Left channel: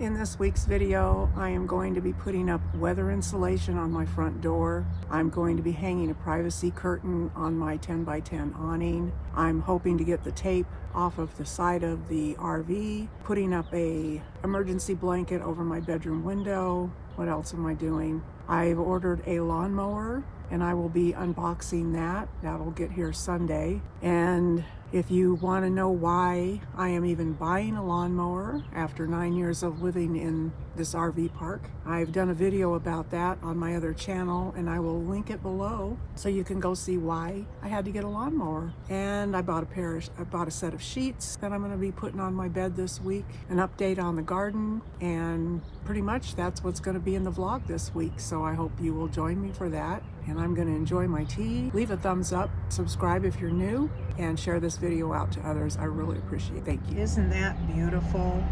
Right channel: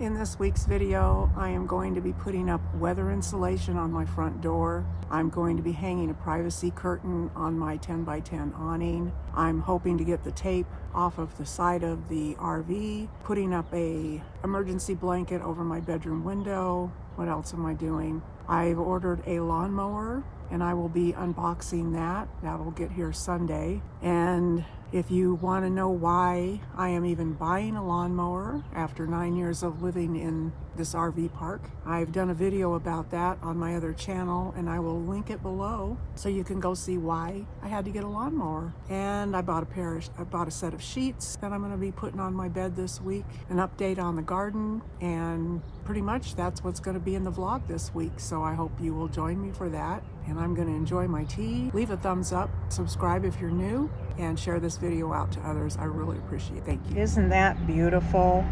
In this week's video, I am going to be putting up weather insulation on my front door. I'm going to be hanging a privacy curtain on my 10x10 awning. I'm hoping to get the tape off of the side of the RV, putting up a emergency blanket over my bedroom window. What else am I doing? I've ordered a lawnmower and I will be unboxing that. That'll get here Sunday. And if you want to know why I am even buying a lawnmower after 9 years of living in this RV park, I've done a video about that on my other channel, and I will link it below so you can go see why I had to get a lawnmower. And I bought a set of sheets that I'm going to be putting on my bed this week, an update on the garden, and pretty much that's what's going to be in the vlog this week. So I hope you will join me for that. And I'm going to enjoy my tea. Leave a thumbs up, subscribe if you're new, and share this video out to others. I really appreciate it. Thank you. Isn't that beautiful?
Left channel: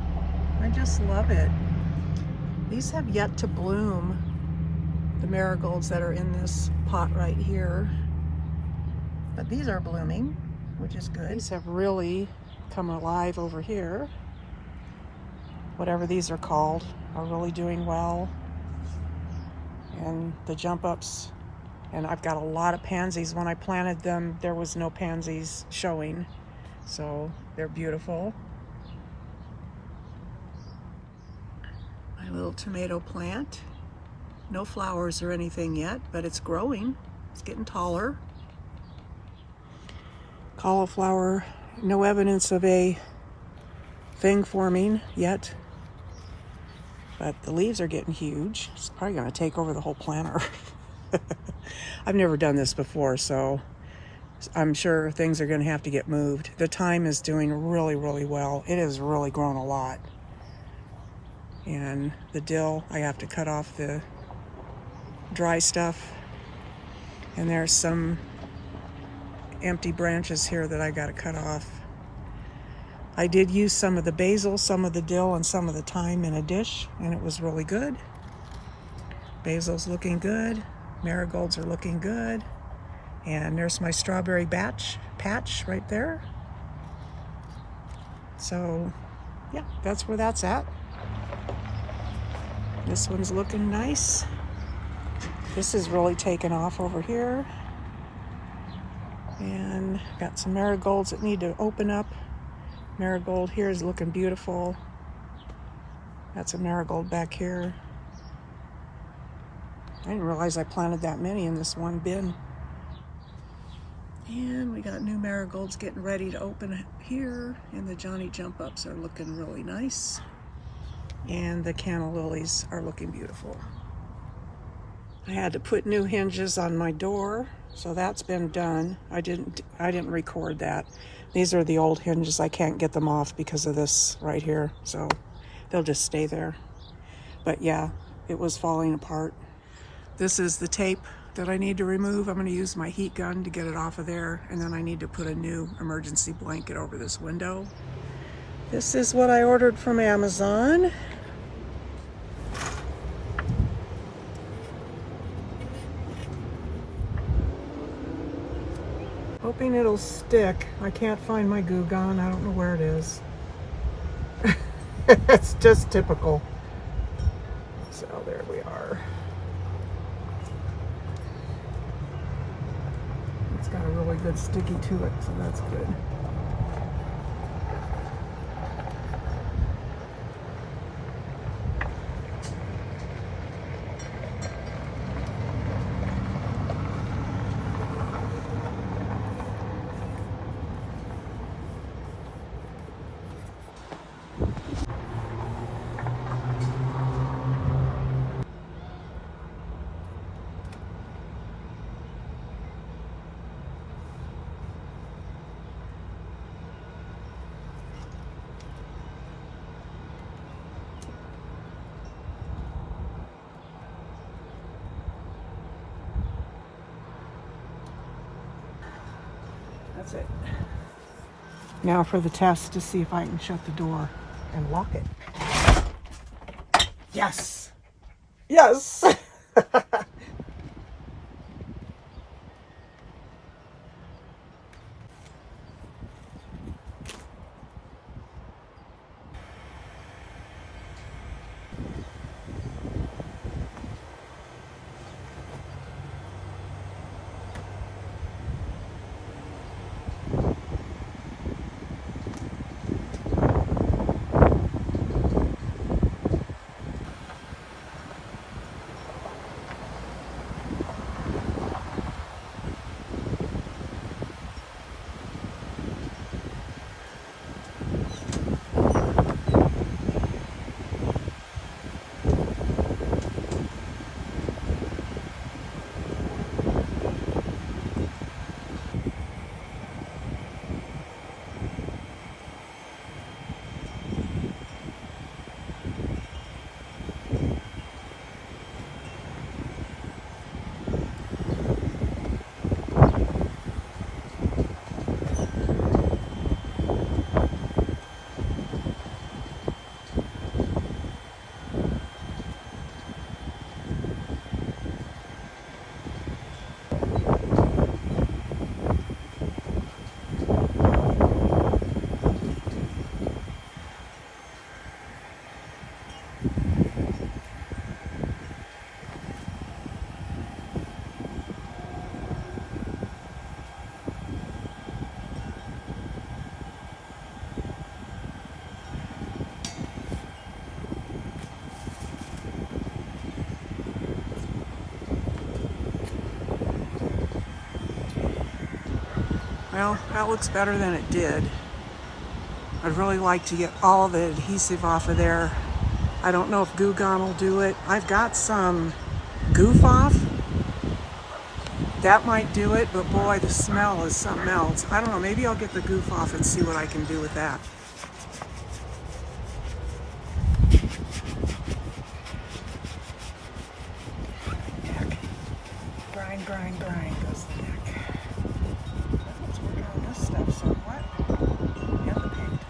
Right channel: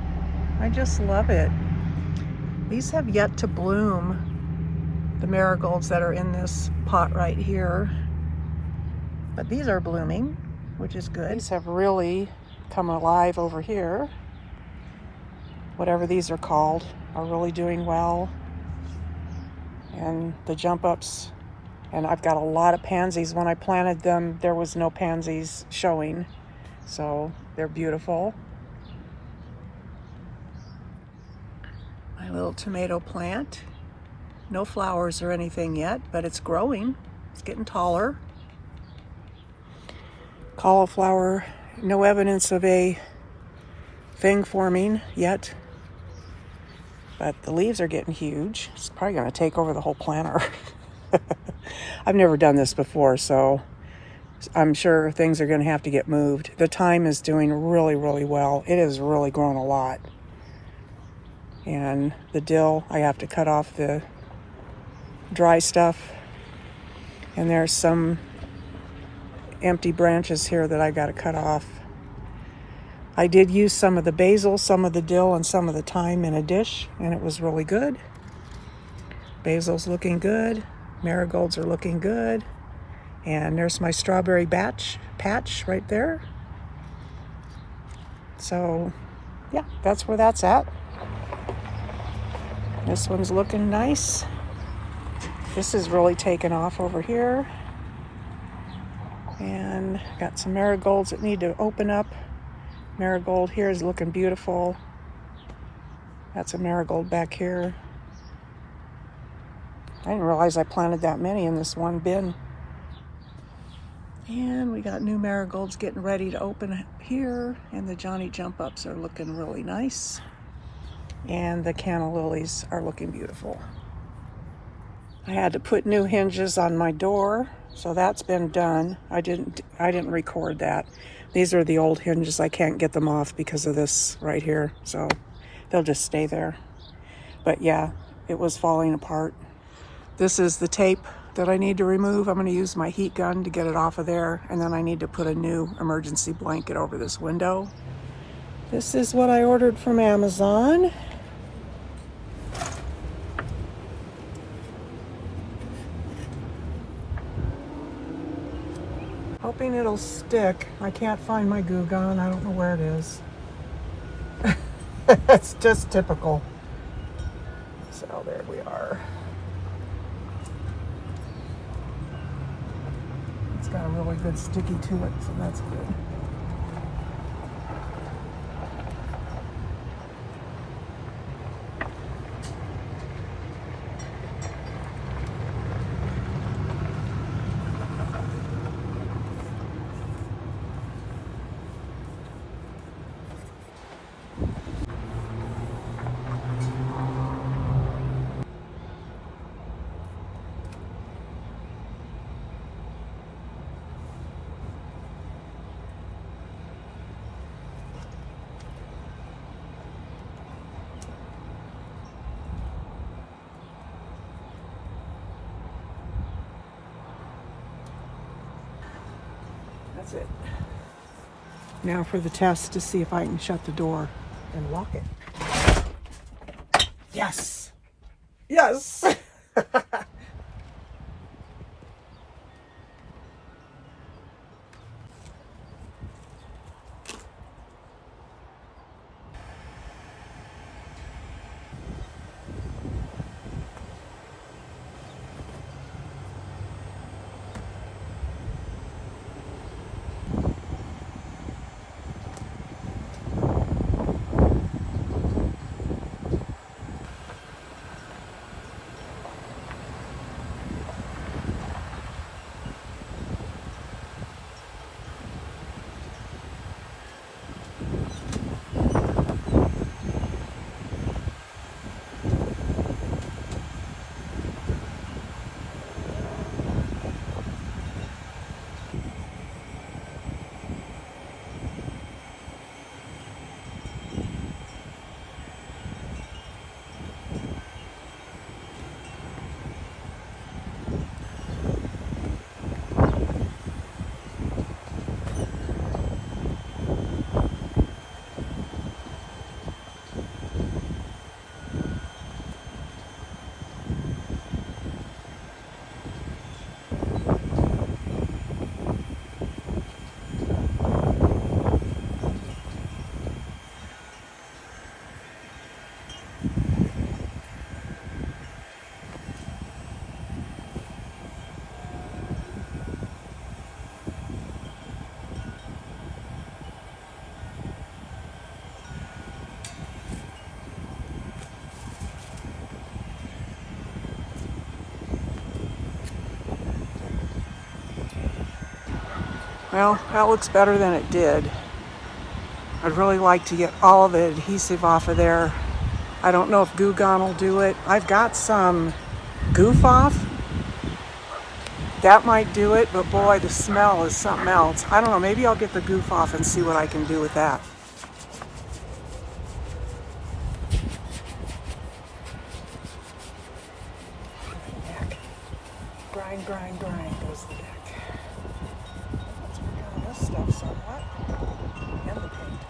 I just love it. These have yet to bloom, the marigolds that are in this pot right here. But these are blooming, which is good. These have really come alive over here. Whatever these are called are really doing well. And the jump ups. And I've got a lot of pansies. When I planted them, there was no pansies showing. So they're beautiful. My little tomato plant. No flowers or anything yet, but it's growing. It's getting taller. Cauliflower, no evidence of a thing forming yet. But the leaves are getting huge. It's probably gonna take over the whole planter. I've never done this before, so I'm sure things are going to have to get moved. The thyme is doing really, really well. It has really grown a lot. And the dill, I have to cut off the dry stuff. And there's some empty branches here that I got to cut off. I did use some of the basil, some of the dill, and some of the thyme in a dish, and it was really good. Basil's looking good. Marigolds are looking good. And there's my strawberry patch right there. So yeah, that's where that's at. This one's looking nice. This is really taken off over here. And got some marigolds that need to open up. Marigold here is looking beautiful. That's a marigold back here. I didn't realize I planted that many in this one bin. And we got new marigolds getting ready to open here. And the Johnny Jump Ups are looking really nice. And the canna lilies are looking beautiful. I had to put new hinges on my door, so that's been done. I didn't record that. These are the old hinges. I can't get them off because of this right here, so they'll just stay there. But yeah, it was falling apart. This is the tape that I need to remove. I'm going to use my heat gun to get it off of there, and then I need to put a new emergency blanket over this window. This is what I ordered from Amazon. Hoping it'll stick. I can't find my glue gun. I don't know where it is. It's just typical. So there we are. It's got a really good sticky to it, so that's good. That's it. Now for the test to see if I can shut the door and lock it. Yes! Yes! Well, that looks better than it did. I'd really like to get all of the adhesive off of there. I don't know if Goo Gone will do it. I've got some Goof Off. That might do it, but boy, the smell is something else. I don't know, maybe I'll get the Goof Off and see what I can do with that. Neck. Grind, grind, grind goes the neck. Let's work on this stuff somewhat. And the paint.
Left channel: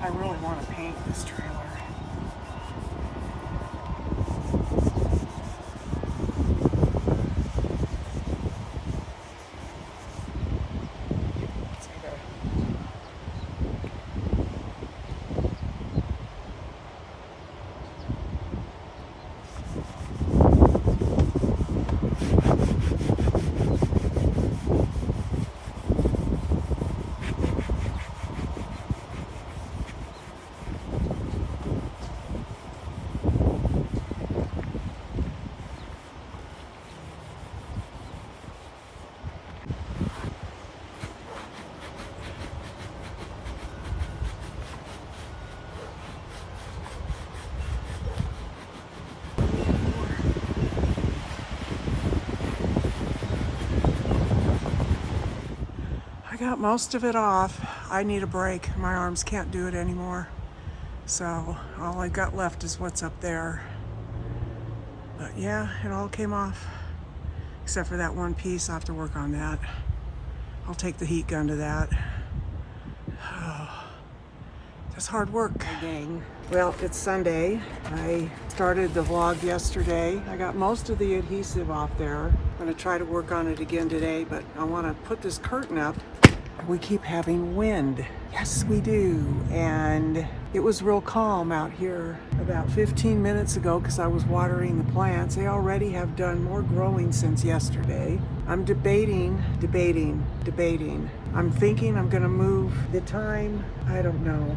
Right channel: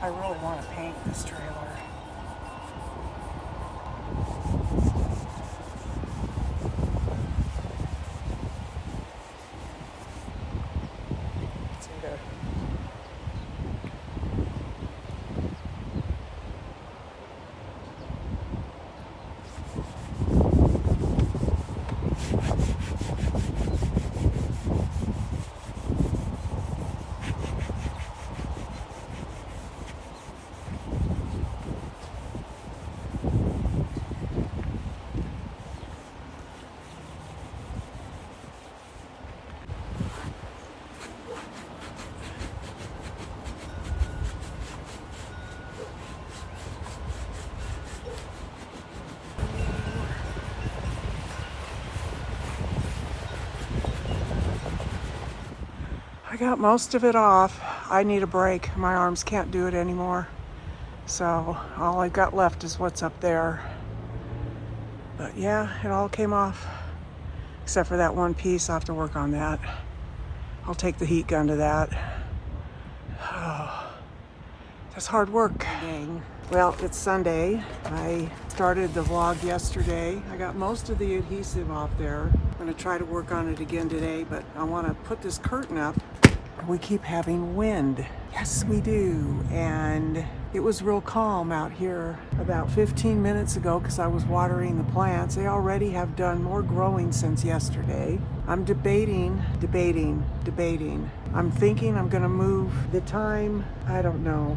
I really want to paint this trailer. See there. I got most of it off. I need a break. My arms can't do it anymore. So all I've got left is what's up there. But yeah, it all came off. Except for that one piece, I'll have to work on that. I'll take the heat gun to that. Oh, that's hard work. Dang. Well, it's Sunday. I started the vlog yesterday. I got most of the adhesive off there. I'm gonna try to work on it again today, but I wanna put this curtain up. We keep having wind. Yes, we do. And it was real calm out here about 15 minutes ago because I was watering the plants. They already have done more growing since yesterday. I'm debating. I'm thinking I'm gonna move the time. I don't know.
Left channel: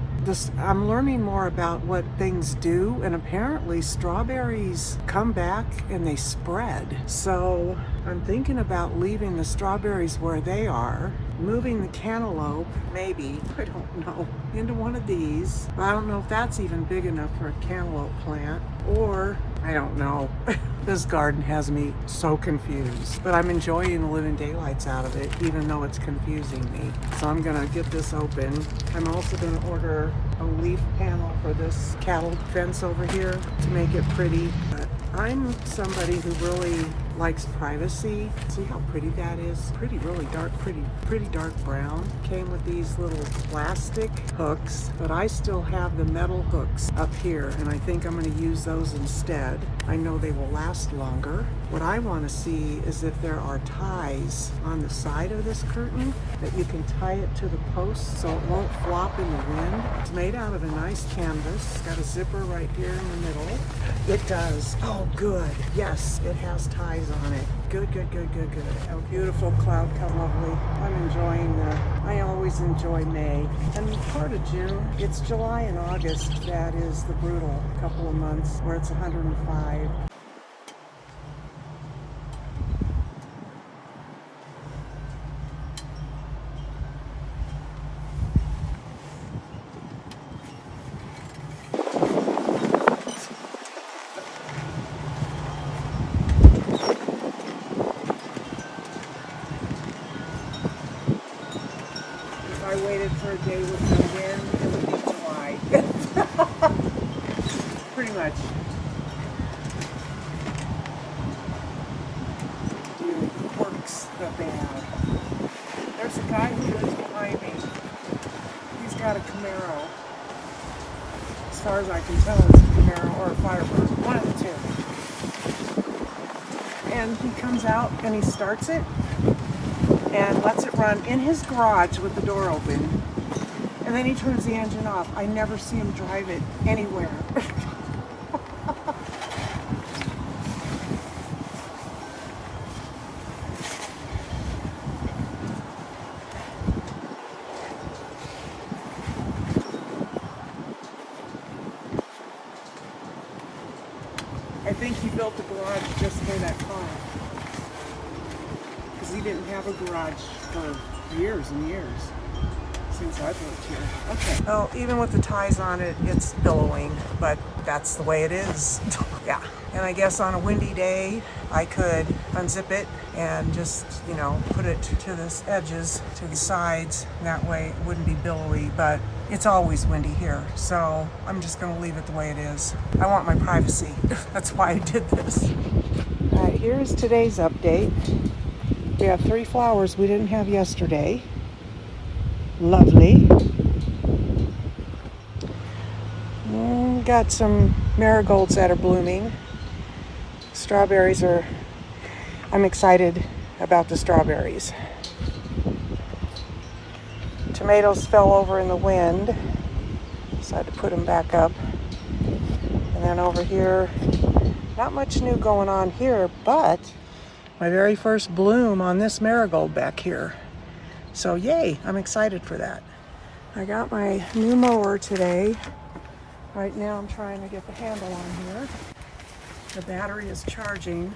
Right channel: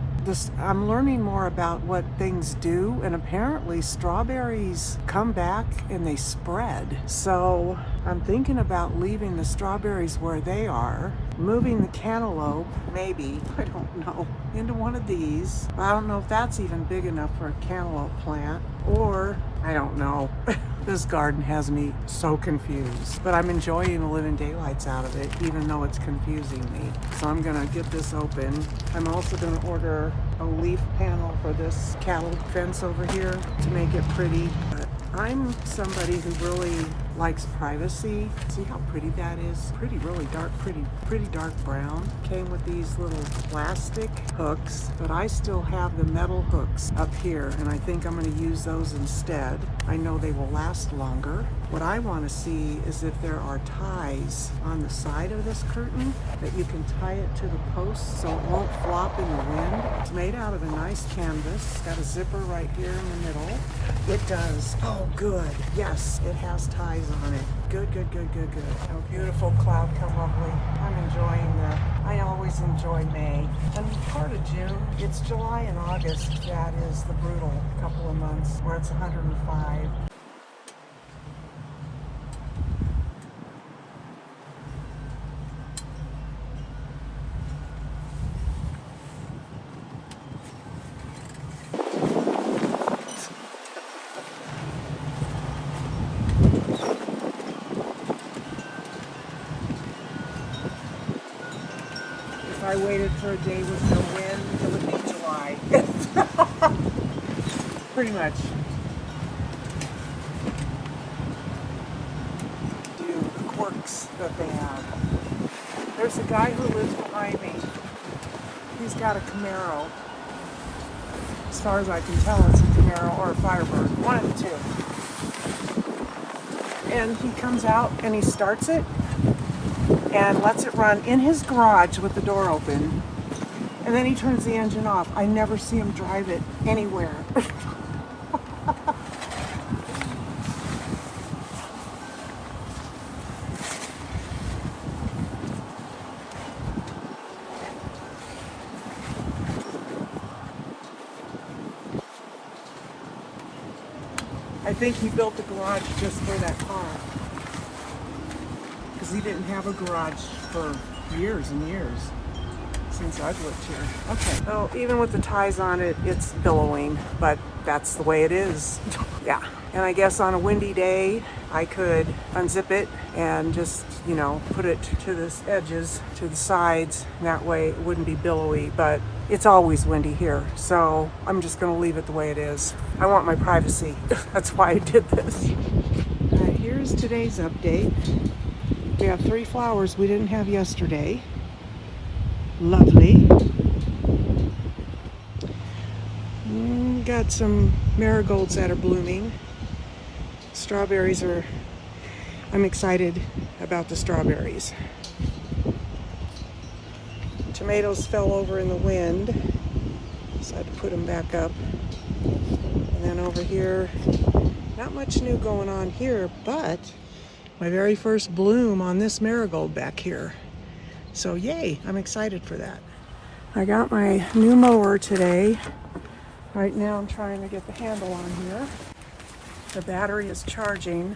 I'm learning more about what things do, and apparently strawberries come back and they spread. So I'm thinking about leaving the strawberries where they are, moving the cantaloupe, maybe, I don't know, into one of these. I don't know if that's even big enough for a cantaloupe plant, or I don't know. This garden has me so confused, but I'm enjoying the living daylights out of it, even though it's confusing me. So I'm gonna get this open. I'm also gonna order a leaf panel for this cattle fence over here to make it pretty. But I'm somebody who really likes privacy. See how pretty that is? Really dark, pretty dark brown. Came with these little plastic hooks, but I still have the metal hooks up here, and I think I'm going to use those instead. I know they will last longer. What I want to see is if there are ties on the side of this curtain that you can tie it to the post so it won't flop in the wind. It's made out of a nice canvas. It's got a zipper right here in the middle. It does. Oh, good. Yes, it has ties on it. Good. Oh, beautiful cloud cover, lovely. I'm enjoying I always enjoy May and part of June. It's July and August that is the brutal couple of months where it's 105. I waited for a day with no wind, it would be July. Pretty much. Do the quirks that they have. There's a guy who lives behind me. He's got a Camaro. As far as I can tell, it's a Camaro or a Firebird. One of the two. And he comes out and he starts it and lets it run in his garage with the door open. And then he turns the engine off. I never see him drive it anywhere. I think he built the garage just for that car. Because he didn't have a garage for years and years since I've lived here. Okay. Well, even with the ties on it, it's billowing, but that's the way it is. Yeah. And I guess on a windy day, I could unzip it and just, put it to the edges, to the sides. That way it wouldn't be billowy, but it's always windy here. So I'm just gonna leave it the way it is. I want my privacy. That's why I did this. All right, here's today's update. We have 3 flowers we didn't have yesterday. Lovely. Got some marigolds that are blooming. Strawberries I'm excited about the strawberries. Tomatoes fell over in the wind, so I had to put them back up. And then over here, not much new going on here, but my very first bloom on this marigold back here. So yay, I'm excited for that. I got my new mower today. Right now I'm trying to get the handle on here. The battery is charging.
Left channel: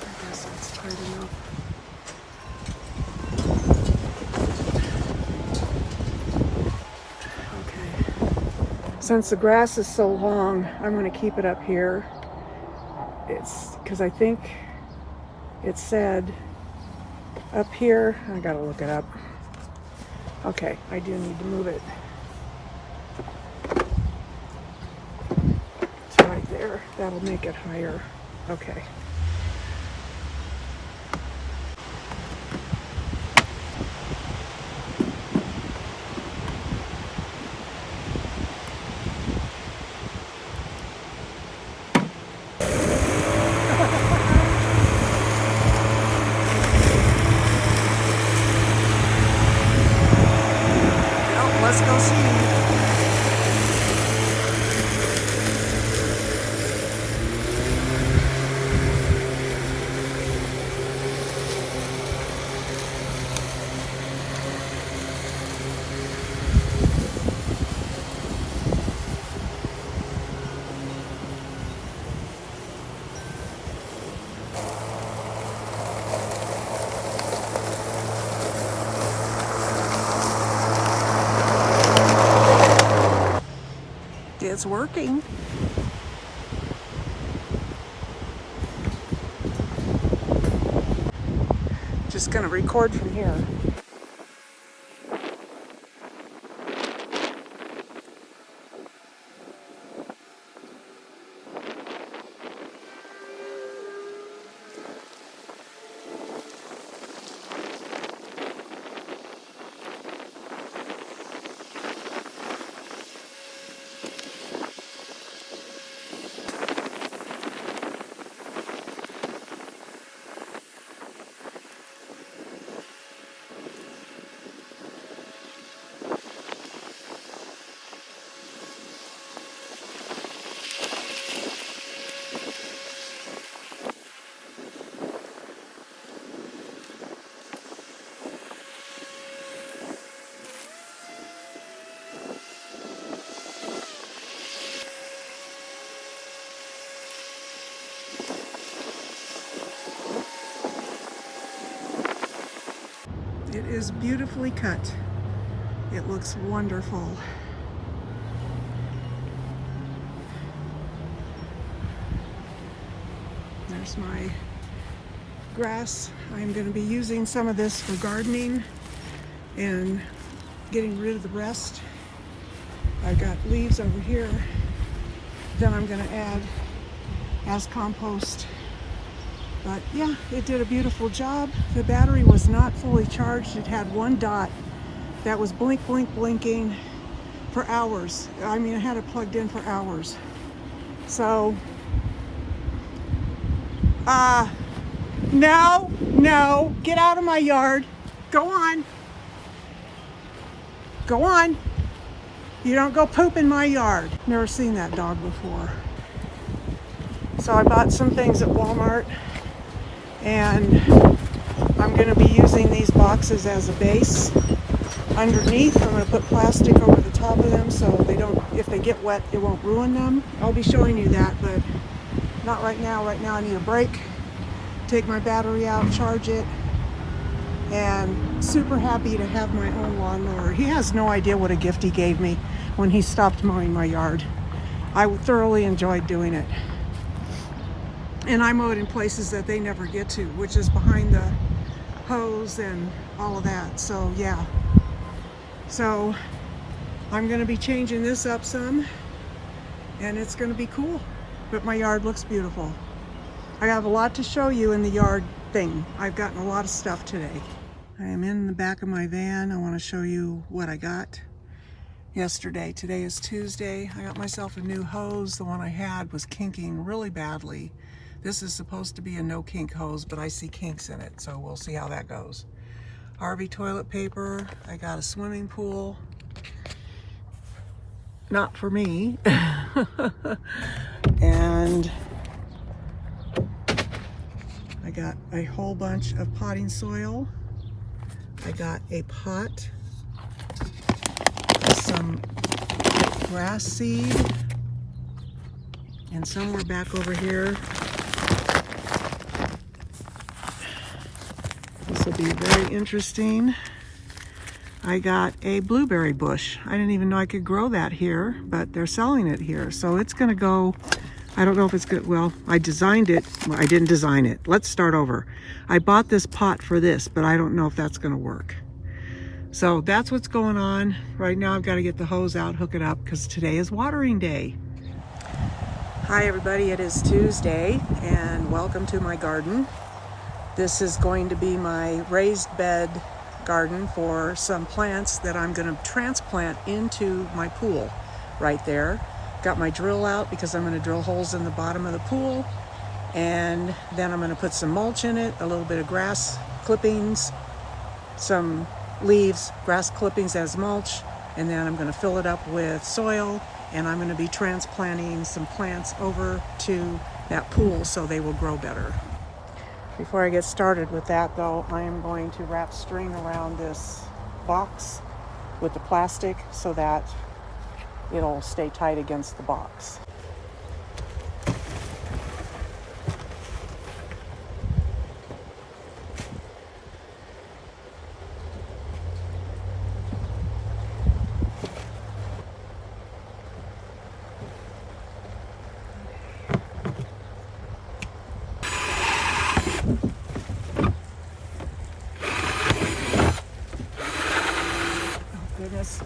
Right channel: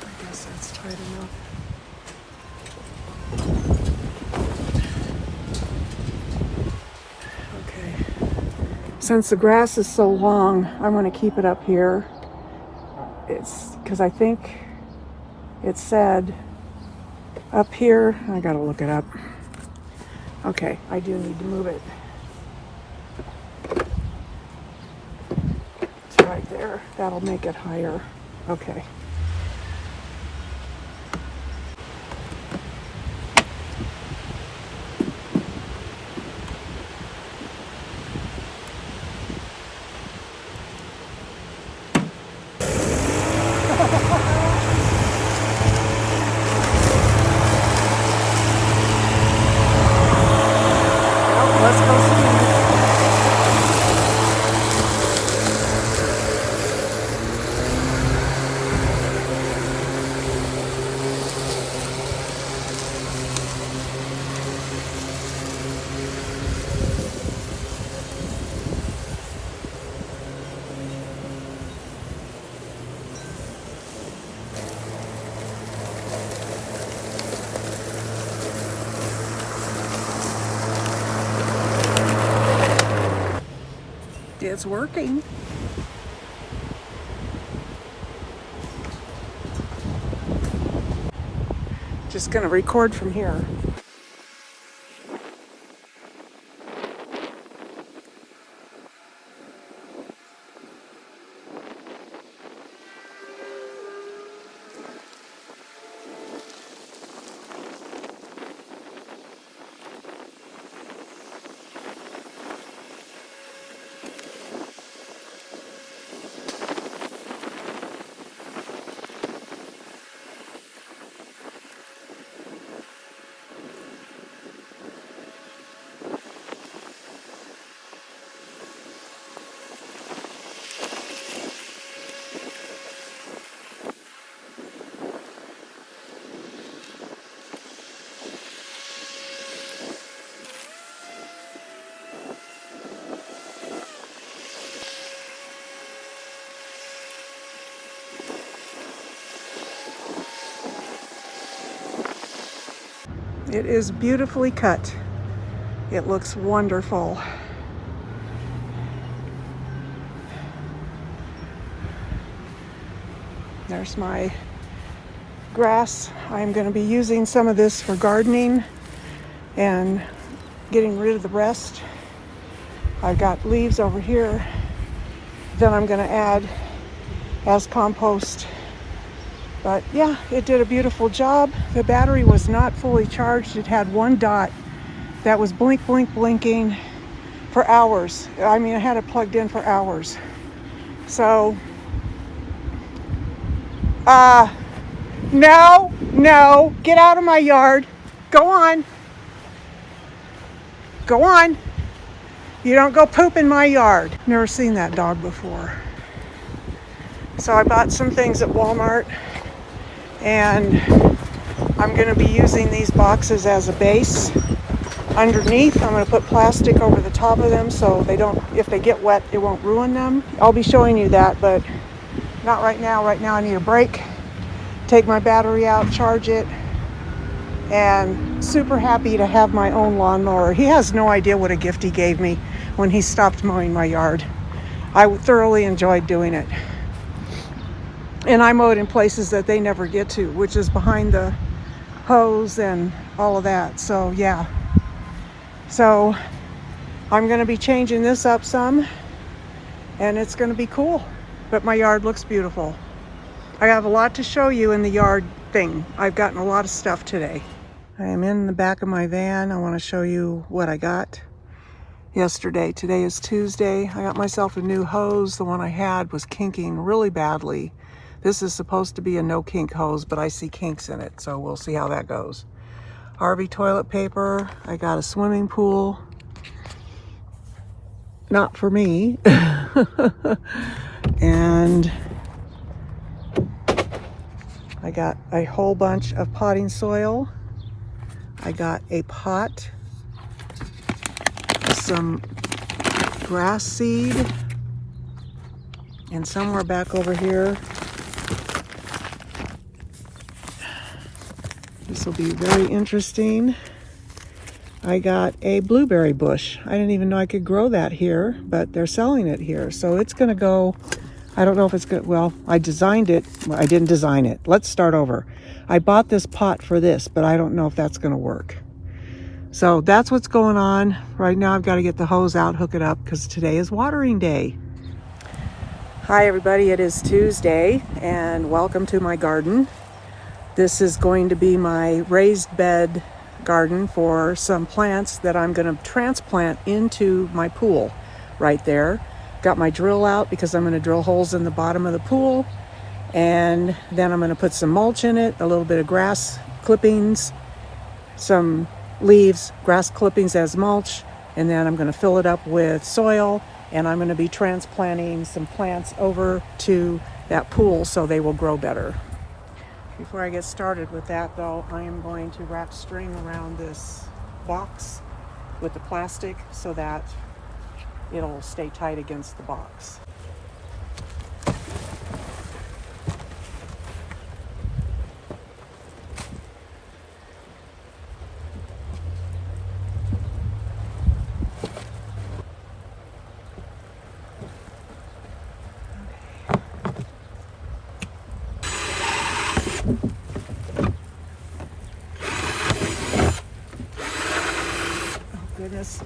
I guess that's tight enough. Since the grass is so long, I'm going to keep it up here. It's because I think it said up here, I gotta look it up. Okay, I do need to move it. It's right there. That'll make it higher. Okay. Let's go see. It's working. Just gonna record from here. It is beautifully cut. It looks wonderful. There's my grass. I'm going to be using some of this for gardening and getting rid of the rest. I've got leaves over here. Then I'm going to add as compost. But yeah, it did a beautiful job. The battery was not fully charged. It had one dot that was blinking for hours. I mean, I had it plugged in for hours. So, no, get out of my yard. Go on. Go on. You don't go poop in my yard. Never seen that dog before. So I bought some things at Walmart. And I'm going to be using these boxes as a base underneath. I'm going to put plastic over the top of them so they don't, if they get wet, it won't ruin them. I'll be showing you that, but not right now. Right now I need a break, take my battery out, charge it, and super happy to have my own lawnmower. He has no idea what a gift he gave me when he stopped mowing my yard. I thoroughly enjoyed doing it. And I mowed in places that they never get to, which is behind the hose and all of that. So yeah. So I'm going to be changing this up some, and it's going to be cool. But my yard looks beautiful. I have a lot to show you in the yard thing. I've gotten a lot of stuff today. I am in the back of my van. I want to show you what I got yesterday. Today is Tuesday. I got myself a new hose. The one I had was kinking really badly. This is supposed to be a no kink hose, but I see kinks in it, so we'll see how that goes. Harvey toilet paper. I got a swimming pool. Not for me. And I got a whole bunch of potting soil. I got a pot, some grass seed, and somewhere back over here, this will be very interesting, I got a blueberry bush. I didn't even know I could grow that here, but they're selling it here. So it's gonna go, I don't know if it's good. Well, I designed it. Well, I didn't design it. Let's start over. I bought this pot for this, but I don't know if that's gonna work. So that's what's going on. Right now I've got to get the hose out, hook it up, because today is watering day. Hi everybody, it is Tuesday, and welcome to my garden. This is going to be my raised bed garden for some plants that I'm going to transplant into my pool right there. Got my drill out because I'm going to drill holes in the bottom of the pool, and then I'm going to put some mulch in it, a little bit of grass clippings, some leaves, grass clippings as mulch, and then I'm going to fill it up with soil, and I'm going to be transplanting some plants over to that pool so they will grow better. Before I get started with that though, I am going to wrap string around this box with the plastic so that it'll stay tight against the box. Goodness.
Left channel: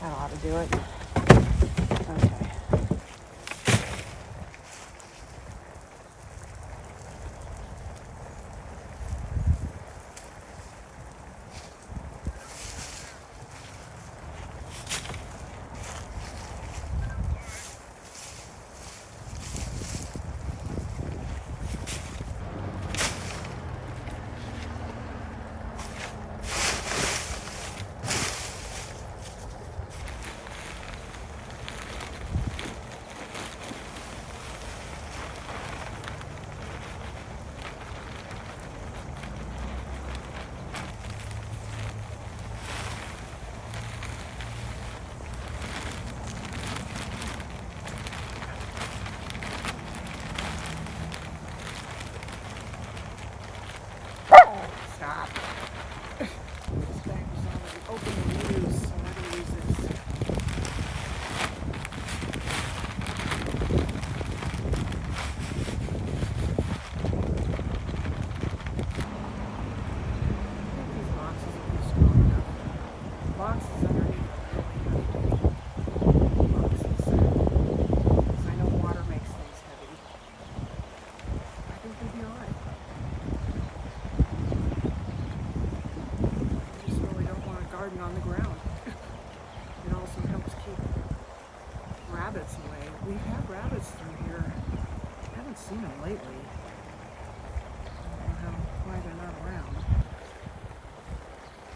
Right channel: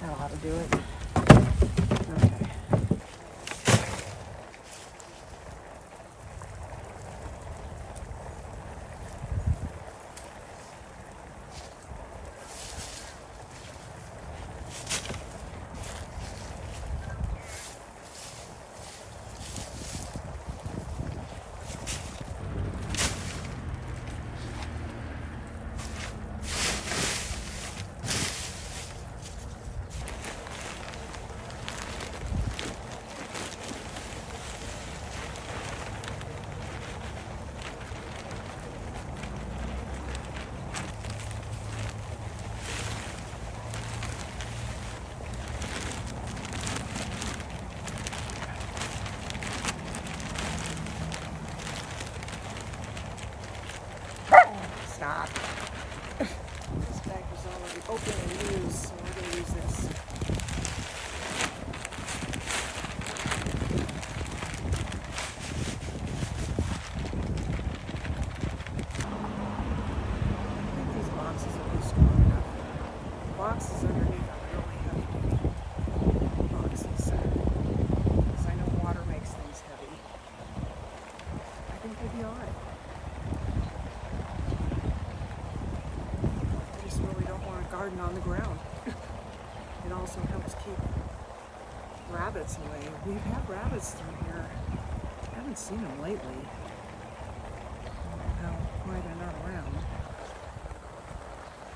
That ought to do it. Stop. This bag was already open and used, so we're going to use this. I think these boxes will be strong enough. The boxes underneath are really heavy boxes, because I know water makes things heavy. I think we'll be alright. I just really don't want to garden on the ground. It also helps keep rabbits away. We've had rabbits through here. Haven't seen them lately. I don't know why they're not around.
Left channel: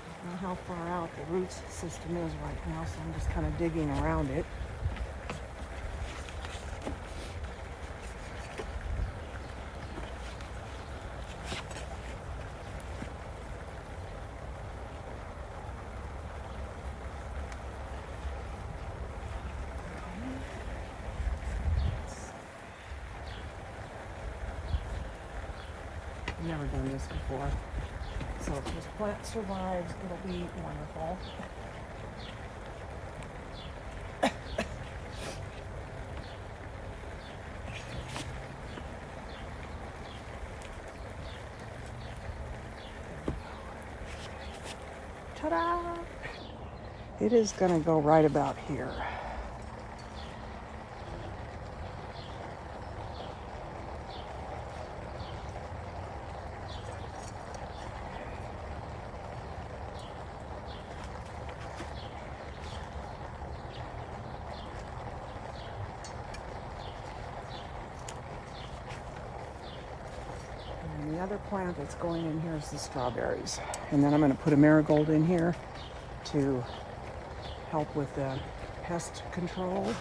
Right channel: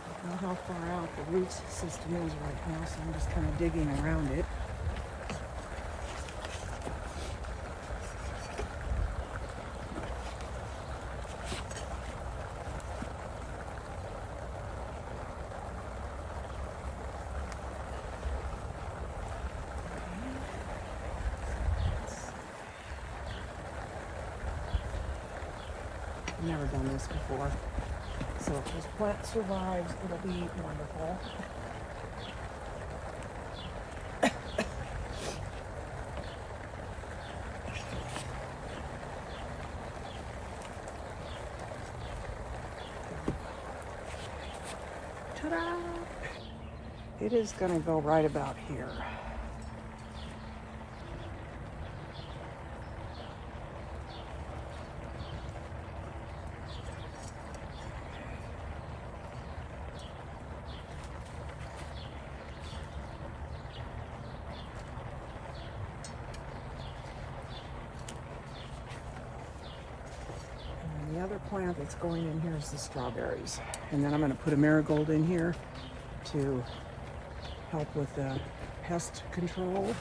I don't know how far out the root system is right now, so I'm just kind of digging around it. I've never done this before. So if this plant survives, it'll be wonderful. Ta-da! It is going to go right about here. And the other plant that's going in here is the strawberries. And then I'm going to put a marigold in here to help with the pest control.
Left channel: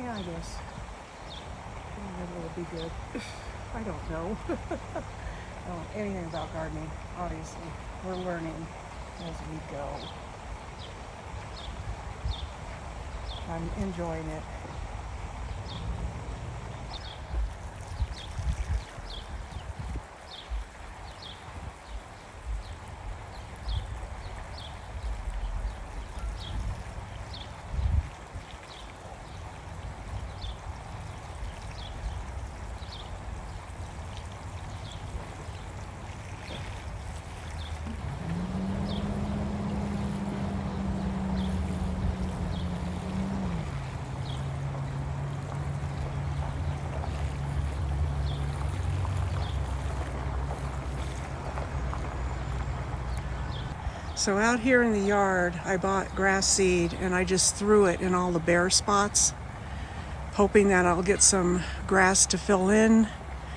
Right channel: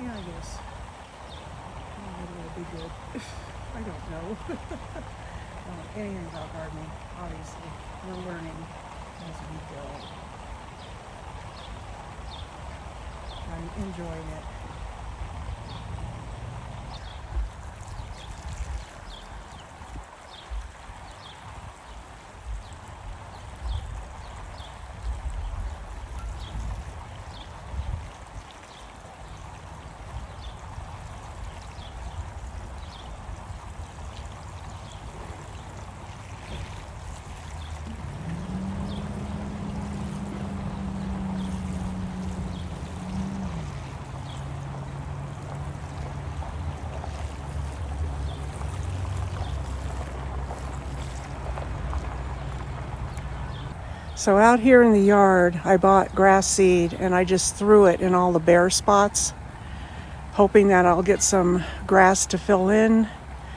Yeah, I guess. Maybe it'll be good. I don't know. Anything about gardening, obviously. We're learning as we go. I'm enjoying it. So out here in the yard, I bought grass seed and I just threw it in all the bare spots, hoping that I'll get some grass to fill in.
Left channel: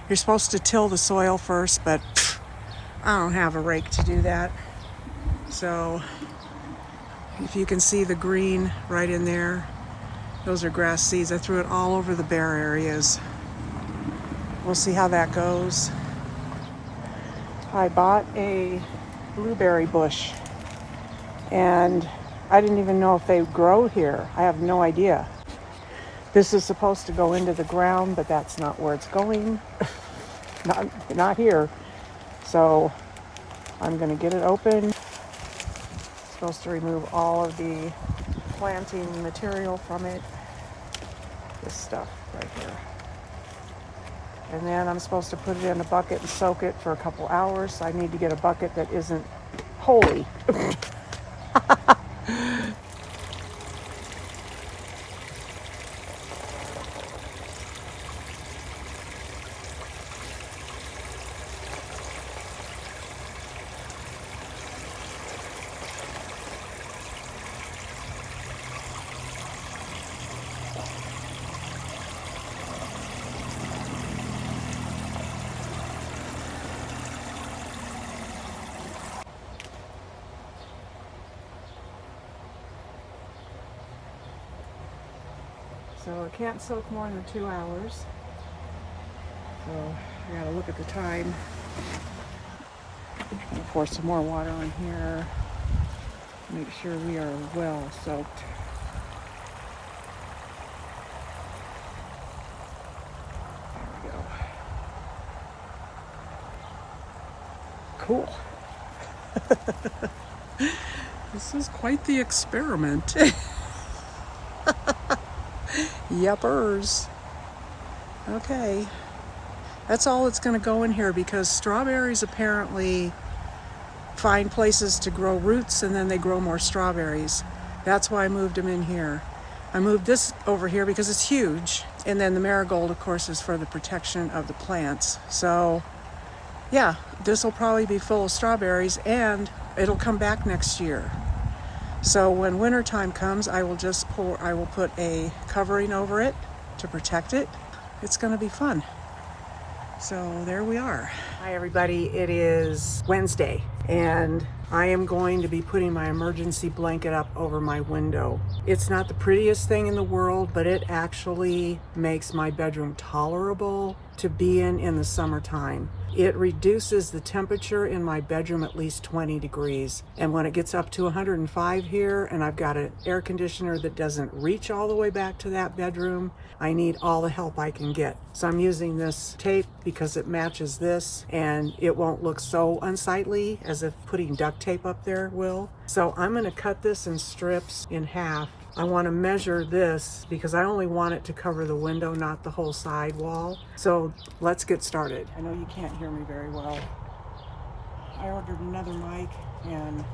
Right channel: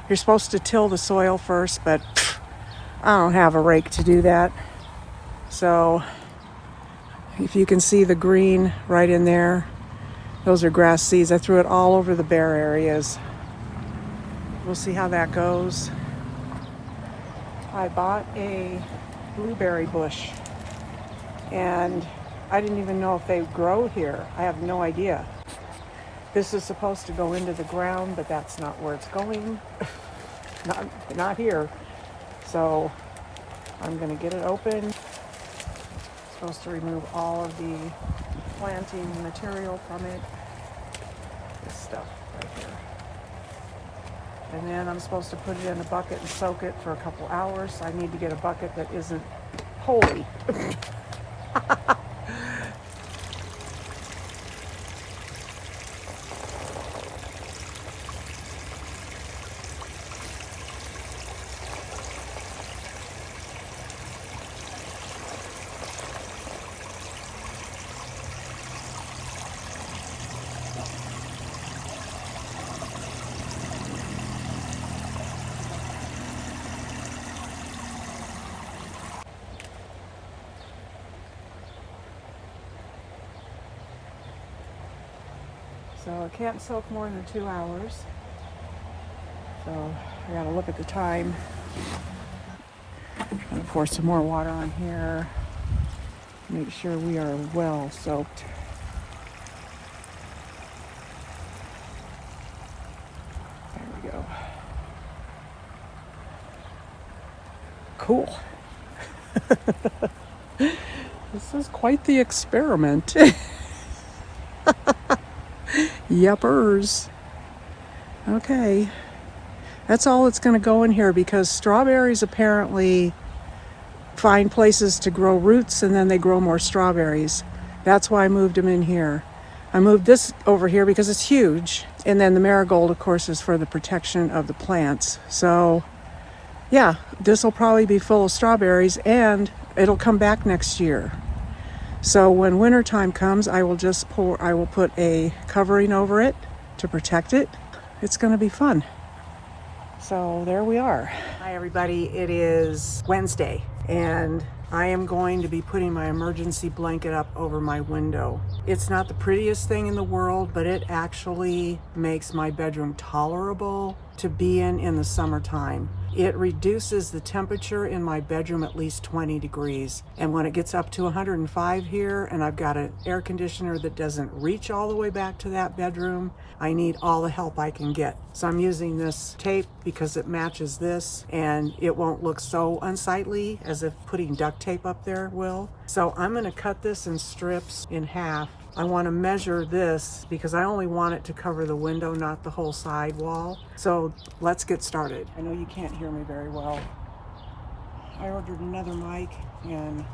You're supposed to till the soil first, but I don't have a rake to do that. So if you can see the green right in there, those are grass seeds. I threw it all over the bare areas. We'll see how that goes. I bought a blueberry bush and I didn't even know if they grow here. I have no idea. This is supposed to go into the ground, but that's not where it's going. not here. So I'm gonna get it open. Supposed to remove all of the planting material from it. This stuff right here. And then I'm supposed to put it in a bucket and soak it for a couple hours. So I need to get a bucket that isn't holy. So it can't soak more than 2 hours. So I gotta look at the time. Pour some more water on here. Make sure we are well soaked. There we go. Cool. This is quite the experiment. Yuppers. Okay. That's all that's going to go in here because strawberries apparently find places to grow roots and then they grow more strawberries. That's why I moved them in here. I moved this over here because it's huge. And then the marigold, of course, is for the protection of the plants. So, yeah, this will probably be full of strawberries and it'll come back next year. So when wintertime comes, I will put a covering over it to protect it. It's going to be fun. So there we are. Hi everybody, it is Wednesday and I am going to be putting my emergency blanket up over my window. It's not the prettiest thing in the world, but it actually makes my bedroom tolerable to be in the summertime. It reduces the temperature in my bedroom at least 20 degrees. And when it gets up to 105 here and I've got an air conditioner that doesn't reach all the way back to that bedroom, I need all the help I can get. So I'm using this tape because it matches this and it won't look so unsightly as if putting duct tape up there will. So I'm going to cut this in strips in half. I want to measure this because I only want it to cover the window, not the whole side wall. So let's get started. I know you can't hear me very well. I ordered another mic and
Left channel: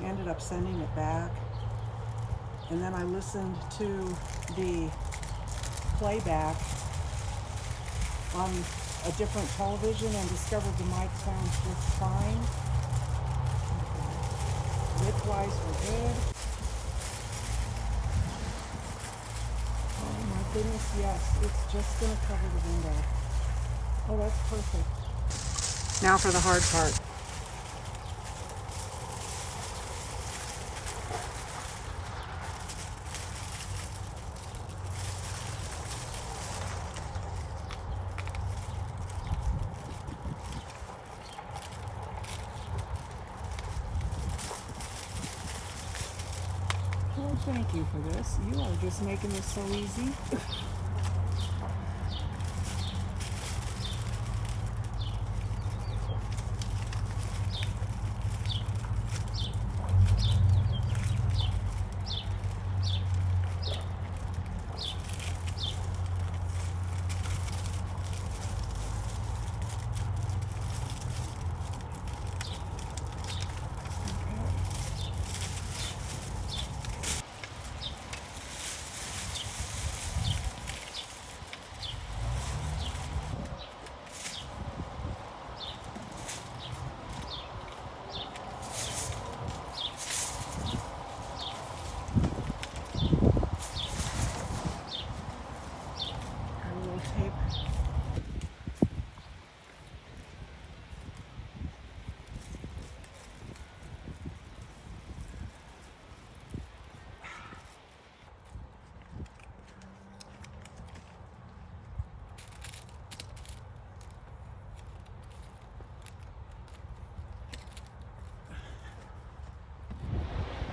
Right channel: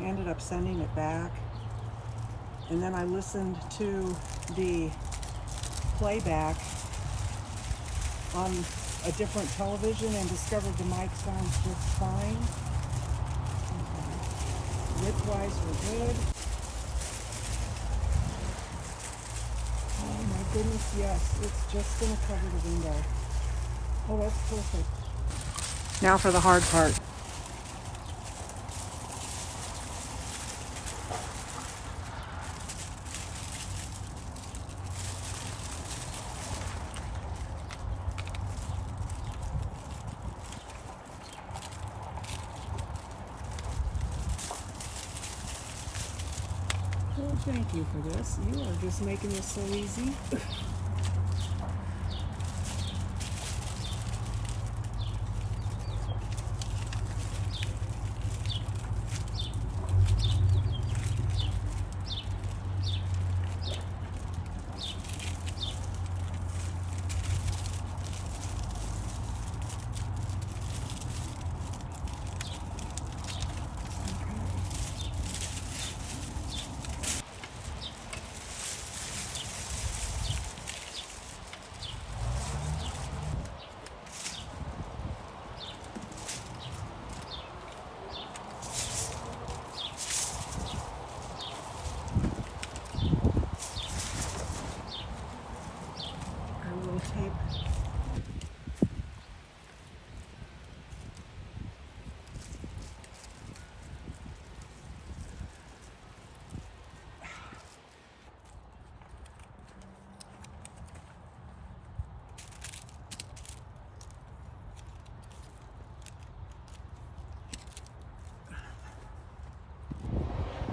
ended up sending it back. And then I listened to the playback on a different television and discovered the mic sounds just fine. Width-wise, we're good. Oh my goodness, yes, it's just gonna cover the window. Oh, that's perfect. Now for the hard part. Well, thank you for this. You are just making this so easy. Tape.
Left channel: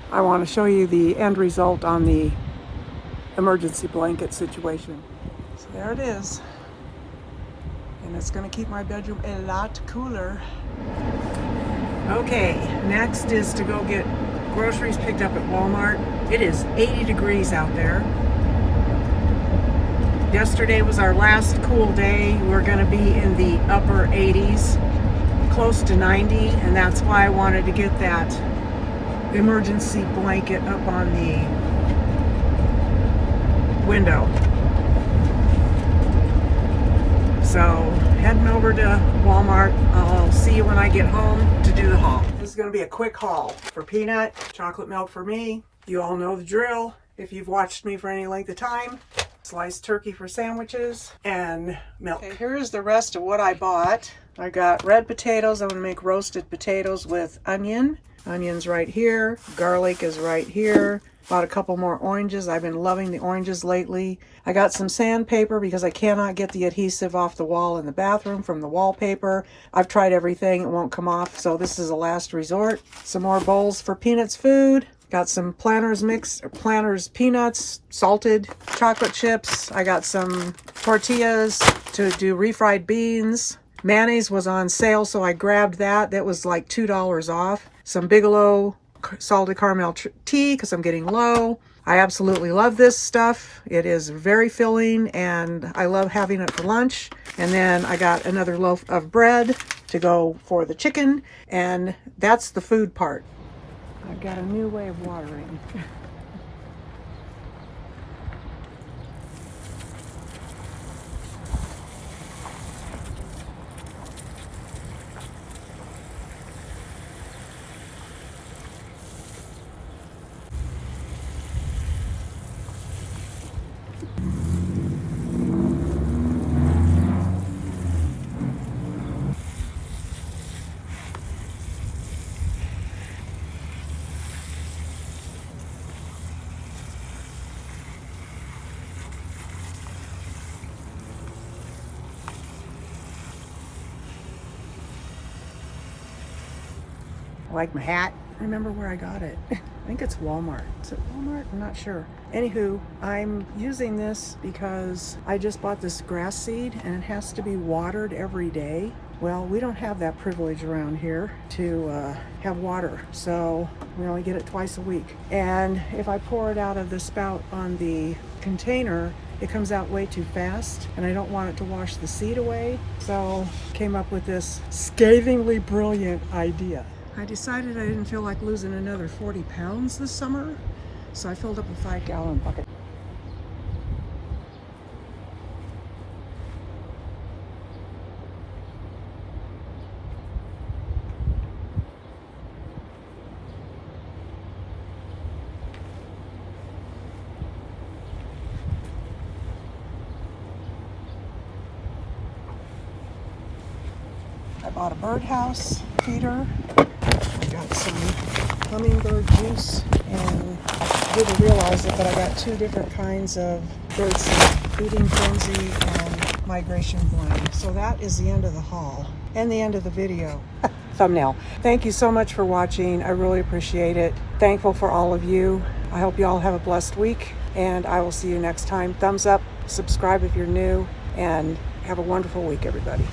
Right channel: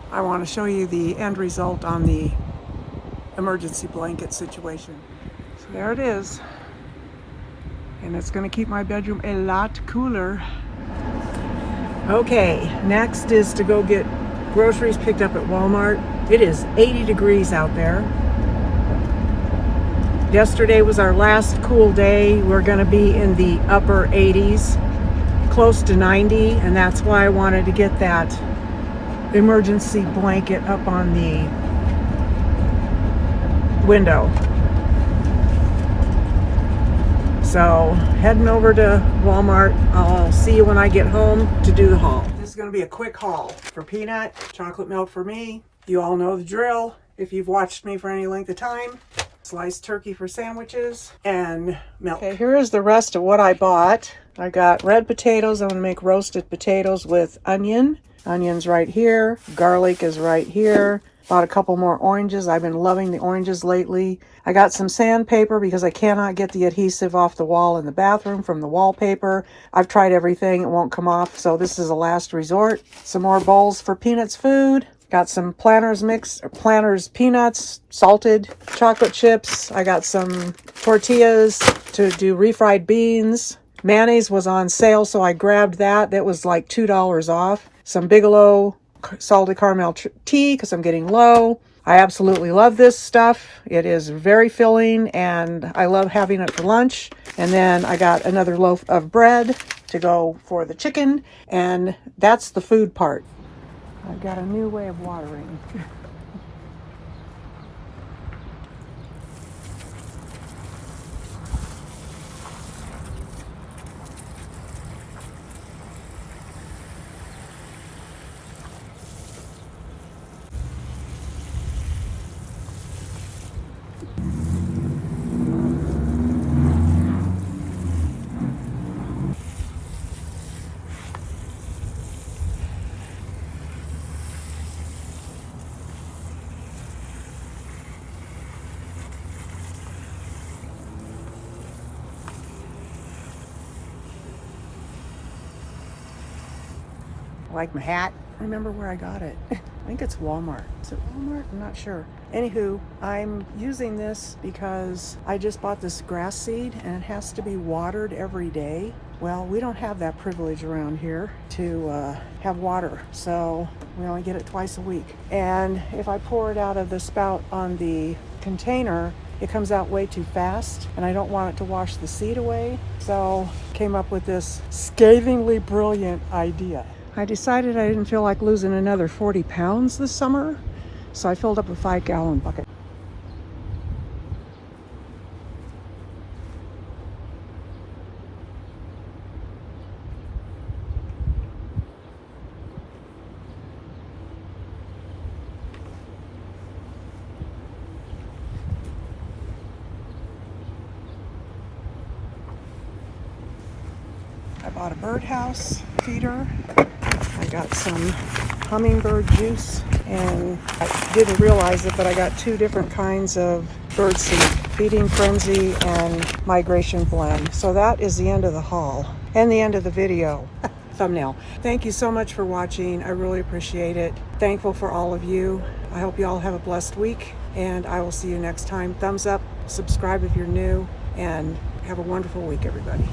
I want to show you the end result on the emergency blanket situation. So there it is. And it's going to keep my bedroom a lot cooler. Okay, next is to go get groceries picked up at Walmart. It is 80 degrees out there. Yesterday was our last cool day. We're going to be in the upper 80s, close to 90, and that's why I wanted to get that emergency blanket up on the window. So heading over to Walmart. I'll see you when I get home to do the haul. This is going to be a quick haul for Peanut, chocolate milk for me. You all know the drill if you've watched me for any length of time. Sliced turkey for sandwiches and milk. Okay, here is the rest of what I bought. I got red potatoes. I'm going to make roasted potatoes with onion. Onions right here. Garlic is right here. Bought a couple more oranges. I've been loving the oranges lately. I got some sandpaper because I cannot get the adhesive off the wall in the bathroom from the wallpaper. I've tried everything. It won't come off, so this is a last resort. Some more bowls for Peanut's food. Got some Planters peanuts, salted chocolate chips. I got some tortillas to do refried beans. Mayonnaise was on sale, so I grabbed that. That was like $2 off. some Bigelow salted caramel tea because I'm getting low. I absolutely love this stuff. It is very filling and I love having it for lunch. And then I got another loaf of bread to go for the chicken, and that's the food part. I've got a new way of watering. I like my hat. I remember where I got it. I think it's Walmart. Is it Walmart? I'm not sure. Anywho, I'm using this because I just bought this grass seed and it has to be watered every day. Well, we don't have that privilege around here to have water, so we only get it twice a week. And if I pour it out of the spout on the container, it comes out way too fast and I don't want it to wash the seed away. So came up with this scathingly brilliant idea. I decided I didn't feel like losing another 40 pounds this summer, so I filled up a 5-gallon bucket. I bought a birdhouse feeder. I got some hummingbird juice, and I didn't realize it, but I got 2 different kinds of bird seed, Feeding Frenzy and Migration Blend. So that is the end of the haul and the end of the video. Thumbnail. Thank you so much for watching. I really appreciate it. Thankful for all of you. I hope you all have a blessed week, and I will see you next time. Thumbs up, subscribe if you're new, and have a wonderful week, everybody.